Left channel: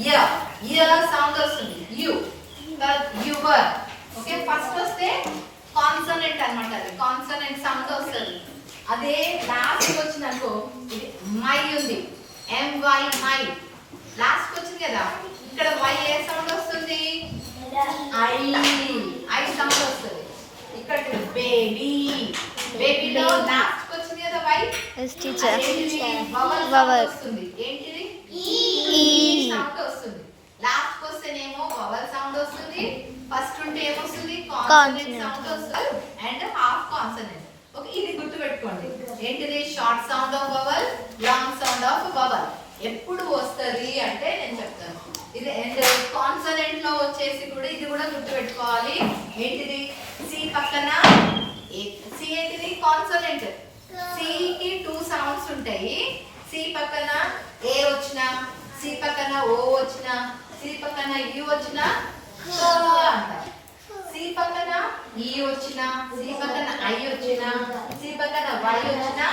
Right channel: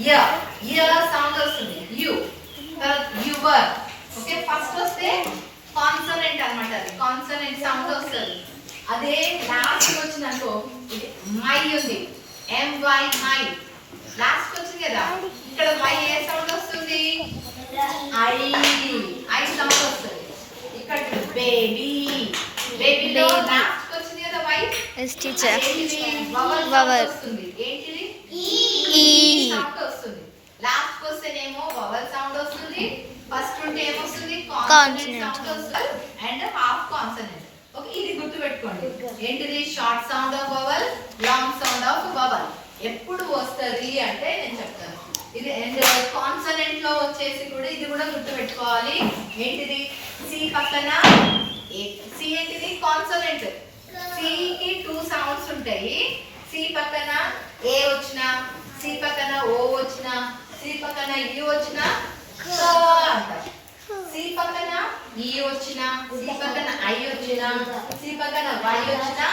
య య సౌండ్ వస్తుంది యు యువర్ ఓకే ఫస్ట్ వస్తే కాన్సనెంట్ అన్నమాట అది కాన్సనెంట్ సౌండ్ వస్తుంది అదే లాస్ట్ వచ్చిందనుకో ఇది మై ఉంది MY మై లాస్ట్ వచ్చింది కదా ఇక్కడ మై ఏ సౌండ్ వస్తుంది ఐ సౌండ్ వస్తుంది ఇక్కడ బేబీ బేబీలో లాస్ట్ వచ్చింది కదా వై ఎస్ టీచర్ వవల్ వస్తుంది ఏంటిది ఈ సౌండ్ వస్తుంది లాస్ట్ వస్తేనేమో వవల్ సౌండ్ వస్తుంది ఫస్ట్ ఉంటే ఏమొస్తుంది కాన్సనెంట్ సౌండ్ వస్తుంది అండ్ హాఫ్ కాన్సనెంట్ ఓకే ఇది గుర్తుపెట్టుకోండి ఏంటిది short sound of vowel long sound of vowel ఎప్పుడు వస్తుంది అంటే నేను చెప్తాను ఇది అండ్ కాన్సనెంట్ లో వచ్చేసి కూడా ఇది కూడా గుర్తుపెట్టుకోవాలి ఏంటిది సి పక్కన సి ఏంటిది కాన్సనెంట్ సి కి 2 సౌండ్స్ ఉంటాయి సి పక్కన ఏ వచ్చినా సి పక్కన ఓ వచ్చినా సి పక్కన యు వచ్చినా క అంటారు సి పక్కన ఈ వచ్చినా సి పక్కన ఐ వచ్చినా సి పక్కన వై వచ్చినా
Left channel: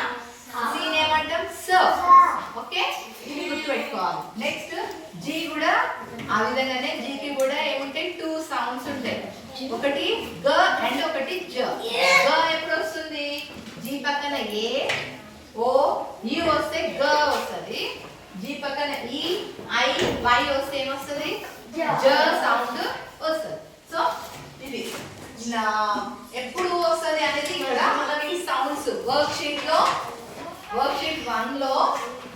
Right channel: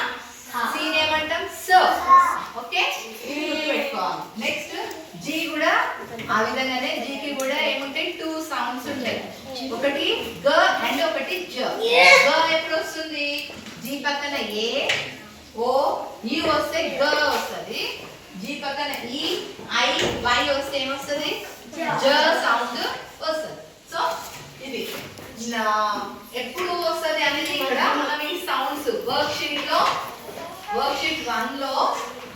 సి ఏమంటాం స ఓకే ఇది గుర్తుపెట్టుకోవాలి నెక్స్ట్ జీ కూడా ఆ విధంగానే జీ కి కూడా ఏముంటాయి 2 సౌండ్స్ ఉంటాయి ఒకటి గ అండ్ ఒకటి జ గ ఎప్పుడు వస్తుంది జీ పక్కన ఏ ఓ యు వస్తే గ వస్తుంది జీ పక్కన ఈ ఐ వై వస్తే ఏమొస్తుంది జ సౌండ్ వస్తుంది సో ఇది ఎప్పుడు వస్తుంది అనేది ఇక్కడ మనం ఈ సౌండ్స్ వర్క్ షీట్ 1 లో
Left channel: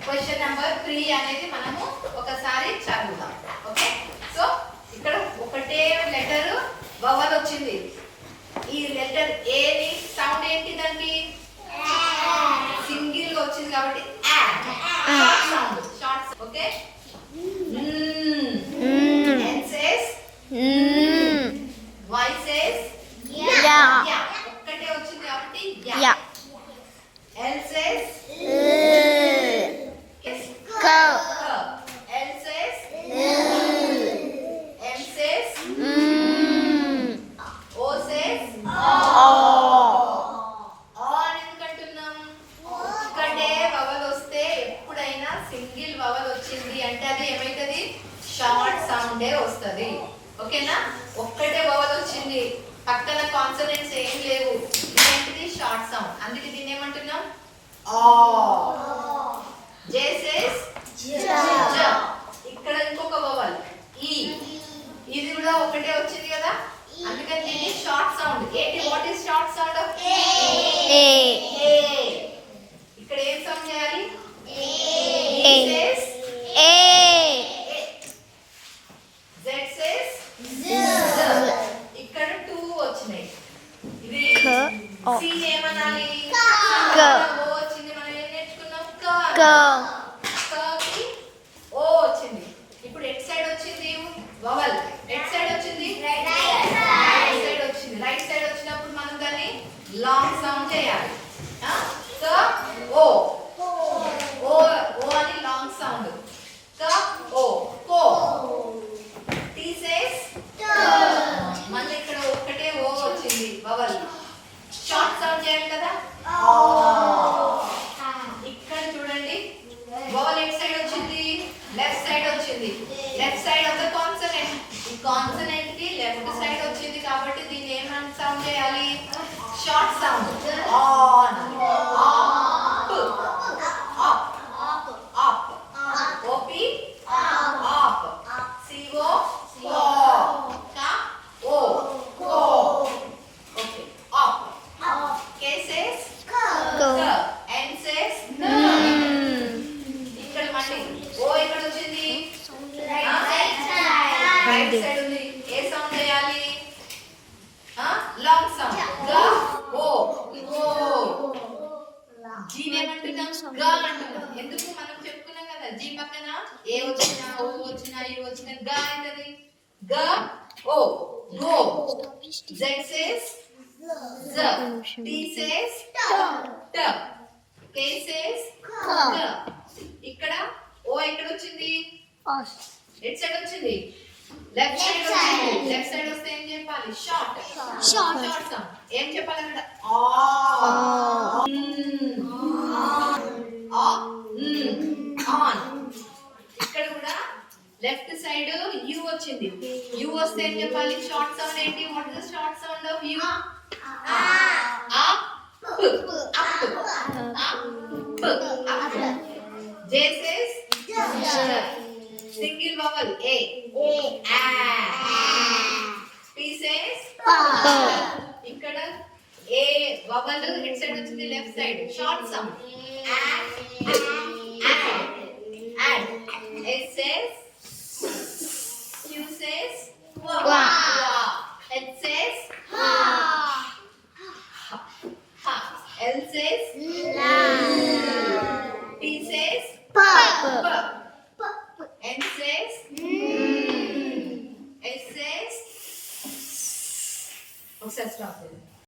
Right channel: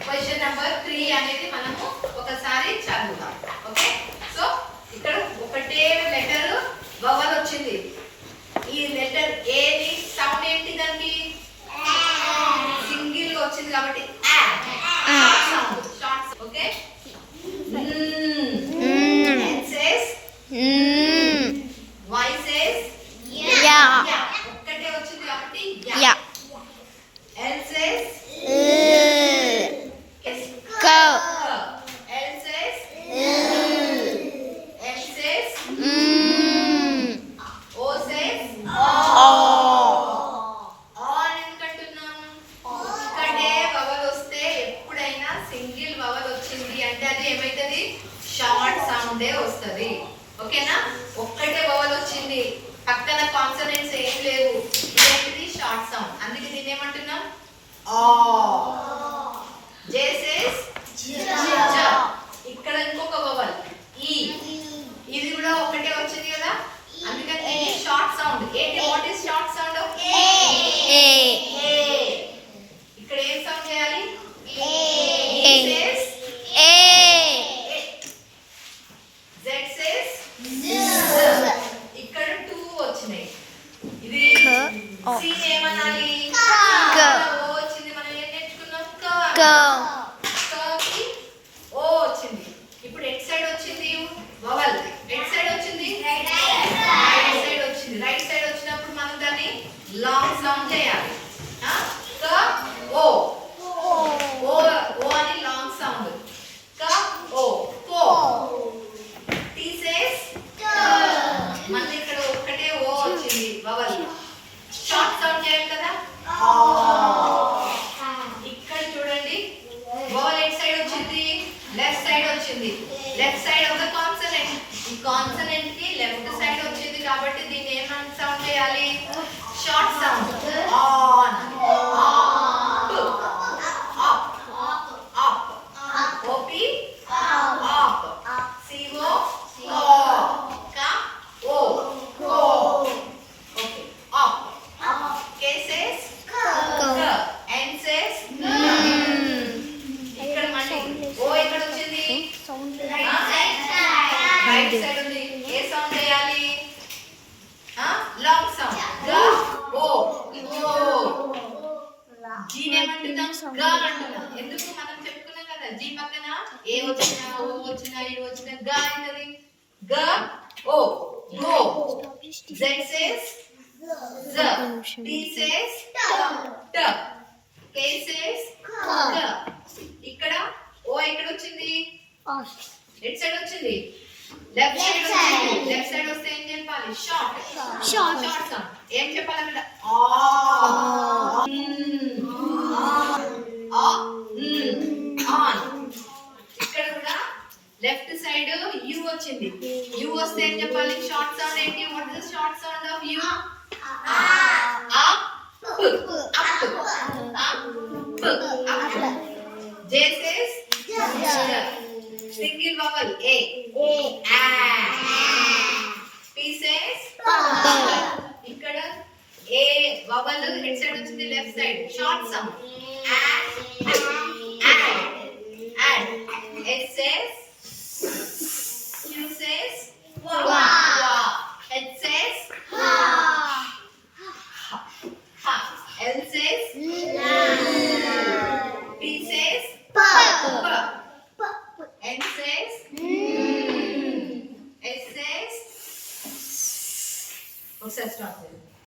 క్వశ్చన్ నెంబర్ 3 అనేది మనము ఒకసారి చదువుదాం ఓకే సో ఇక్కడ ఒకటే లెటర్ వవల్ వచ్చింది ఈ లెటర్ ఏ ని సౌండ్ ఏంటి దానికి సింగిల్ గా వచ్చింది కాబట్టి sound short okay Y says yeah ఒక్కటే వచ్చింది కాబట్టి yeah L says go L says M says O says on ఎందుకంటున్నాము ఒక్కటే వవల్ వస్తే ఎప్పుడైనా సింగిల్ వవల్ వచ్చింది అంటే అది ఏమైతుంది షార్ట్ సౌండే వస్తుంది ఓకేనా ఒక్కటే వవల్ వచ్చింది పక్కన కాన్సనెంట్స్ ఏం లేవు ఇదేంటిది షార్ట్ సౌండ్ అందుకే దీన్ని ఏమంటున్నాం ఆ జే సేస్ జ ఇక్కడ ఇంకొక వవల్ ఈ ఇది కూడా ఒకటే వచ్చింది కదా అందుకని దీన్ని షార్ట్ సౌండ్ ఏంటి what is short sound of a ఇక్కడ ఏం సౌండ్ చేయాలి A. Says a Z says ఇక్కడ 2 వచ్చినాయి ఇది K. O. సి ఏమనాలి K. ఓ వచ్చింది మనం ఏం నేర్చుకున్నాం go కి ఓ వచ్చింది ఇప్పుడు ఎట్ సైడ్ వచ్చింది వవల్ ఎట్ సైడ్ వచ్చింది రైట్ సైడ్ వచ్చింది రైట్ సైడ్ వచ్చినప్పుడు మనం దాన్ని లాంగ్ సౌండ్ చేయాలి క ఓ ఓ ఓ అని లాంగ్ సౌండ్ క ఓ కో టీ సేస్ మళ్ళీ ఇక్కడ ఒక్కటే ఓ వచ్చింది వవల్ షార్ట్ సౌండ్ చేయాలి కదా ఇక్కడ చూడండి వవల్ ఎట్ సైడ్ వచ్చింది లెఫ్ట్ సైడ్ వచ్చింది left side of the consonant ఈ కాన్సనెంట్ కి లెఫ్ట్ సైడ్ వచ్చింది కాబట్టి దీన్ని ఏం సౌండ్ చేయాలి short sound on up up OP up CO క O co okay up cases go N సేస్ ఇక్కడ మళ్ళీ ఓ ఎక్కడ వచ్చింది రైట్ సైడ్ ఉంది ఏ సౌండ్ చేయాలి లాంగ్ సౌండ్ గ ఓ జీ ఏమంటున్నాం గ అంటున్నాం ఎందుకు మనం చెప్పుకున్నాం కదా జీ పక్కన ఏ వచ్చినా ఓ వచ్చినా ఏ వచ్చినా గ అవుతుంది గ ఓ గో జెడ్ సేస్ జ టీ సేస్ ట కే సేస్ గ ఇక్కడ ఓ ఎక్కడ వచ్చింది ఎట్ సైడ్ వచ్చింది లెఫ్ట్ సైడ్ వచ్చింది లెఫ్ట్ సైడ్ వస్తే ఏం చెప్పాలి షార్ట్ షార్ట్ సౌండ్ ఏం చెప్పాలి అక్కడ ఆన్ ఇక్కడ కూడా లెఫ్ట్ సైడ్ యు వచ్చింది. యు వస్తే ఏం చెప్పాలి? షార్ట్ సౌండ్ ఏంటి? What is the short sound of you? Up up. J says single vowel A. P says ఇక్కడ A vowel ఎట్ సైడ్ వచ్చింది? Left side. Short sound. Add. S says Q says wa. H says ha. L says la.